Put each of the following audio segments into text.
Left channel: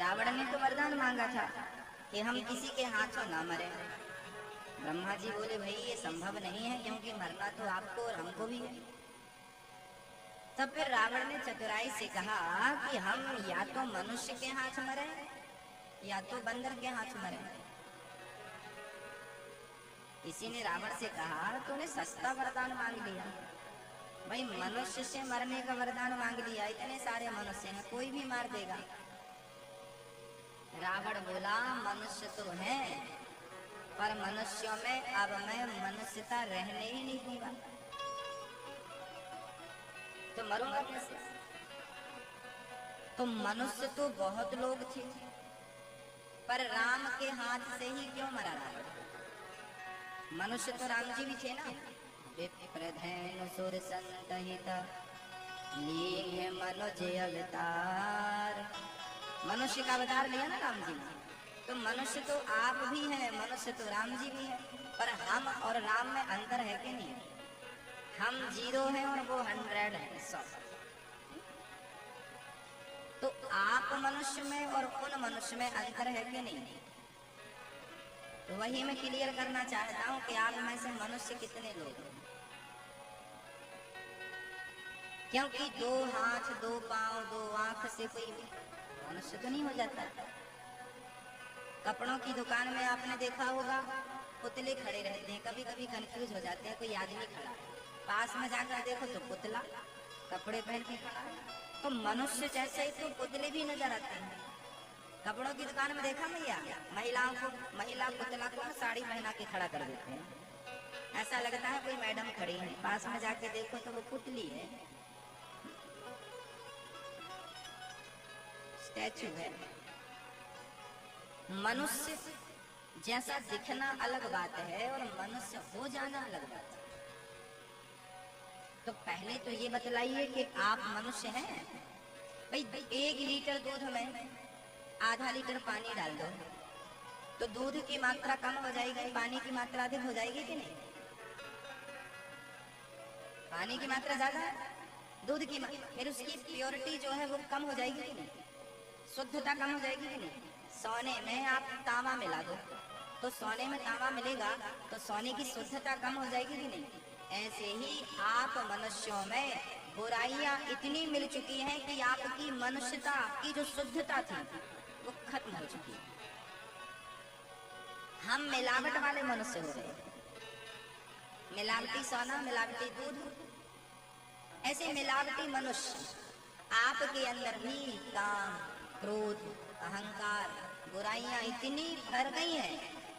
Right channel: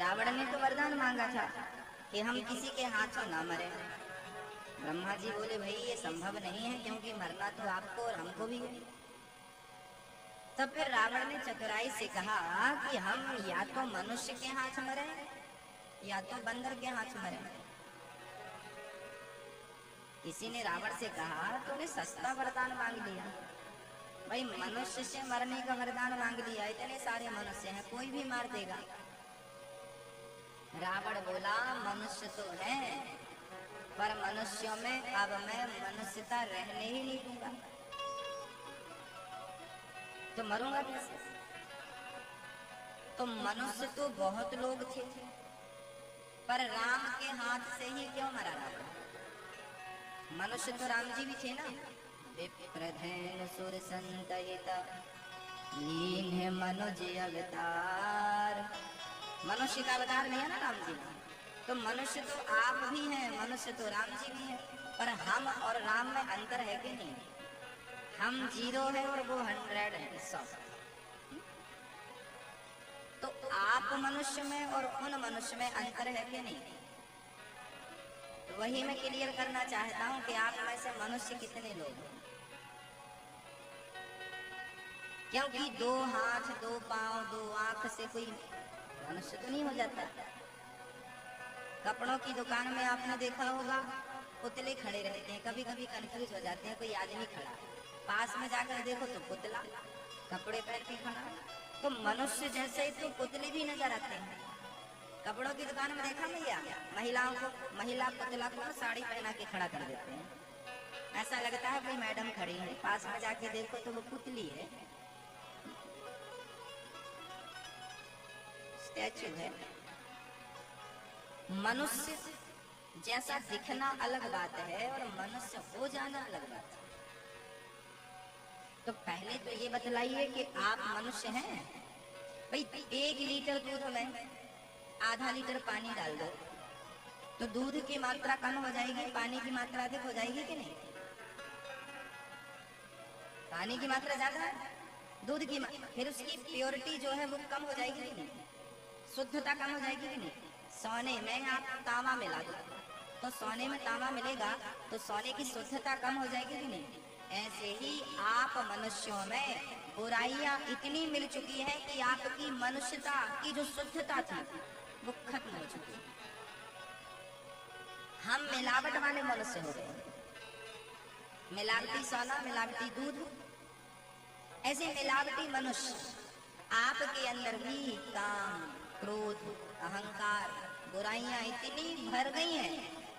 रावण ने तो वरदान मांगा था कि हम किसी के हाथों ना मरे। ब्रह्मा जी बोले भाई ये संभव नहीं है, क्योंकि मरना तो आपको और हमको भी है। तब फिर रावण ने चतुराई से कहा कि हम या तो मनुष्य के हाथ मरे या तो बंदर के हाथ मरे। किसी ने रावण से कहा तूने सस्ता वरदान मांग लिया भाई, मनुष्य से मरने का वरदान मांग लिया, इतने सारे मनुष्य हैं, कोई भी मार देगा। रावण बोला मनुष्य तो है, पर मनुष्यों में अब मैं मनुष्यता रहने ही नहीं दूंगा, तो मरूंगा कैसे? तो मनुष्य तो बहुत लोग थे, पर राम के हाथ से ही क्यों मरा रावण? मनुष्य तो राम जी भी थे ना। विप्रधेनु सुर संतहित लीन मनुज अवतार। मनुष्य का अवतार नहीं है ना राम जी ने, तो मनुष्य तो आप भी हैं, मनुष्य तो राम जी भी हैं, पर हम और राम में अंतर है कि नहीं? हम 0 हैं और वो 100 है, 100। तो आप मनुष्य में और उन मनुष्य में अंतर है कि नहीं? तो वही मैं क्लियर करना चाहता हूं कि आप में से मनुष्य कितने लोग हैं। क्योंकि 2 हाथ 2 पांव 2 आंख से कोई मनुष्य तो नहीं हो जाता। कपड़ों की दुकान में आपने देखा होगा पुतले खड़े रहते हैं, कभी कभी कंफ्यूज हो जाते हैं, कोई आदमी खड़ा है, पास में जाकर देखो तो पुतला कपड़े पहन के खड़ा है। तो मनुष्य जैसे ही तो पुतले भी नजर आते हैं। कपड़ों की दुकान में देखा भैया, महिला पुतला को साड़ी पहना के खड़ा कर देते हैं, ऐसा लगता है कोई मैडम खड़ी है, पास में जाके देखो तो वो पुतली है, स्टैचू है। मनुष्य जैसा दिखना अलग बात है और मनुष्य हो जाना अलग बात है। तो पहले तो ये बतलाइए कि आप मनुष्य हैं भाई। 1 लीटर दूध में आधा लीटर पानी डाल दो तो दूध की मात्रा कम हो जाएगी, पानी की मात्रा अधिक हो जाएगी कि नहीं? पानी की मात्रा ज्यादा है, दूध की फिर उसकी प्योरिटी जो है वो कम हो जाएगी कि नहीं? शुद्धता कम हो जाएगी कि नहीं? सोने में आप तांबा मिला दो तो सोने में तांबा मिलेगा तो सोने की शुद्धता कम हो जाएगी कि नहीं? ऐसे ही आप मनुष्यों में बुराइयां इतनी मिल चुकी हैं कि आपकी मनुष्यता की जो शुद्धता थी वो खत्म हो चुकी है। हम मिलावट वाले मनुष्य हो गए, मिलावटी सोना मिलावटी दूध, ऐसे मिलावटी मनुष्य आपके अंदर भी काम क्रोध अहंकार बुराइयां इतनी भर गई हैं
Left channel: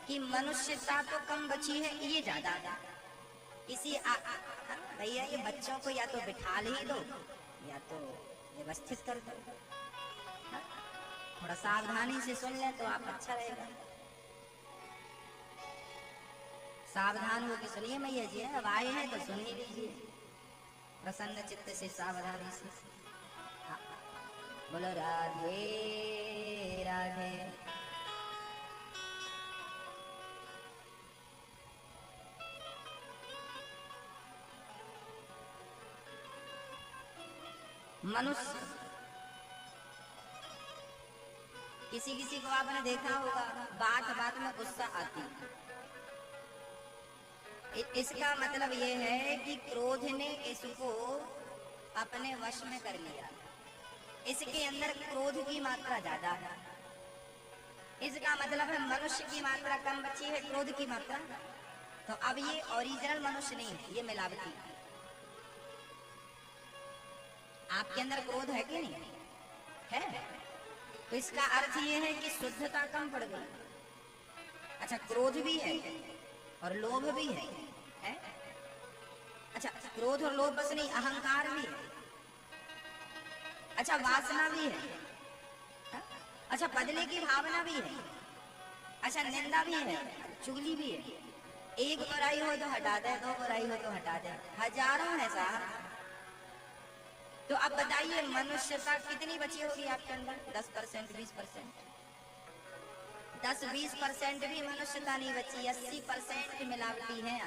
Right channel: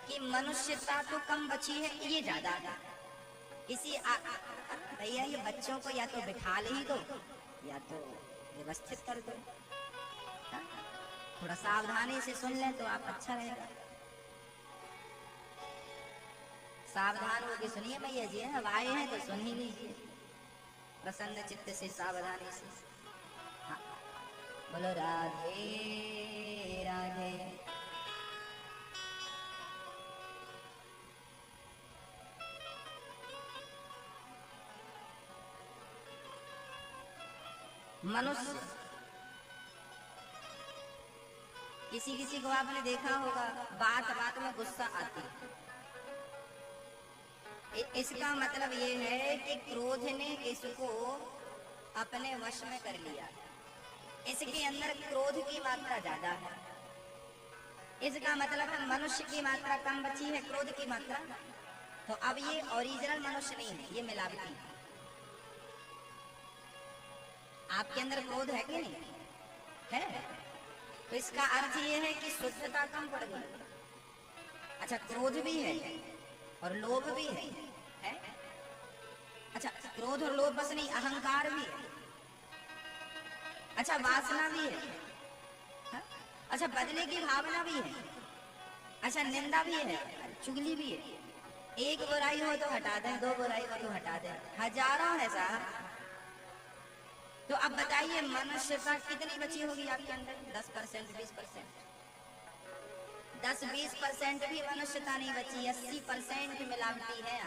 कि मनुष्यता तो कम बची है, ये ज्यादा। इसी भैया ये बच्चों को या तो बिठा ही दो या तो व्यवस्थित कर दो, थोड़ा सावधानी से सुन लें तो आप अच्छा रहेगा। सावधान होकर सुनिए मैया जी, अब आए हैं तो सुन ही लीजिए प्रसन्न चित्त से, सावधानी से। हाँ। बोलो राधे राधे। मनुष्य किसी को आपने देखा होगा बात बात में गुस्सा आती, इसका मतलब ये है कि क्रोध ने इसको अपने वश में कर लिया, इसके अंदर क्रोध की मात्रा ज्यादा है। इसका मतलब है मनुष्य की मात्रा कम बची है, क्रोध की मात्रा। तो अब ये ओरिजिनल मनुष्य नहीं है, ये मिलावटी। आपके अंदर क्रोध है कि नहीं है? तो इसका अर्थ ये है कि शुद्धता कम पड़ गई। अच्छा, क्रोध भी है और लोभ भी है? अच्छा, क्रोध और लोभ बस नहीं, अहंकार भी है। अच्छा, वासना भी है। अच्छा, बदले की भावना भी है। अच्छा, निंदा भी है, चुगली भी है। 1 बुराई हो तो हटा दे, 2 बुराई हो तो हटा दे, हजारों है साहब। तो अब बताइए मनुष्यता कितनी बची होगी आपके अंदर? 10% 20%, 10-20% भी मनुष्यता नहीं बची, 80% मिलावटी है।